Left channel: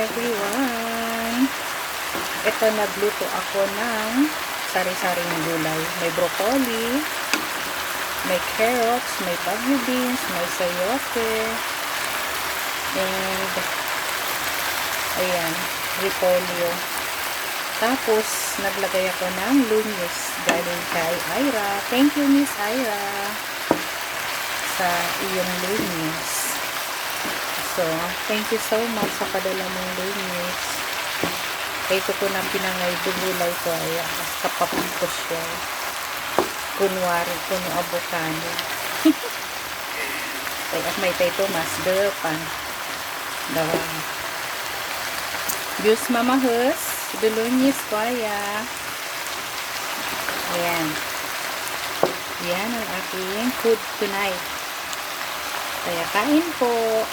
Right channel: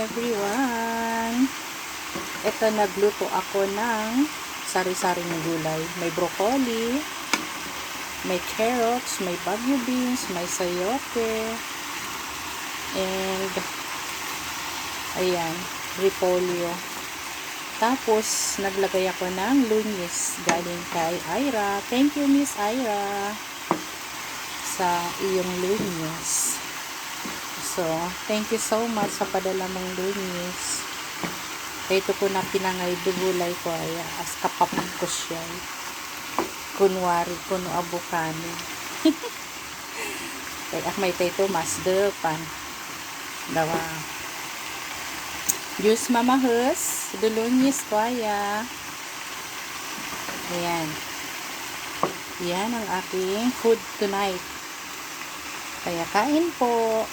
everyone! Ito, nagluto ako ng sari-saring gulay. May broccoli, may carrots, may bagu beans, may sayote, and ayan, repolyo. Tapos, naglagay ako ng lunis galing kay Ira. Thank you, Miss Ira, sa iyong lunis. So, thank you so much sa padala mong lunis. Ito ko na pinangay dugulay ko ay as kapapag ko siya. Kunwari kuno abukano. Kaya may tayo mas depan. Dawa. Diyos mamahus. Dulunyis ko aya. Ayan. Yan ang aking food tonight. Kaya kain po.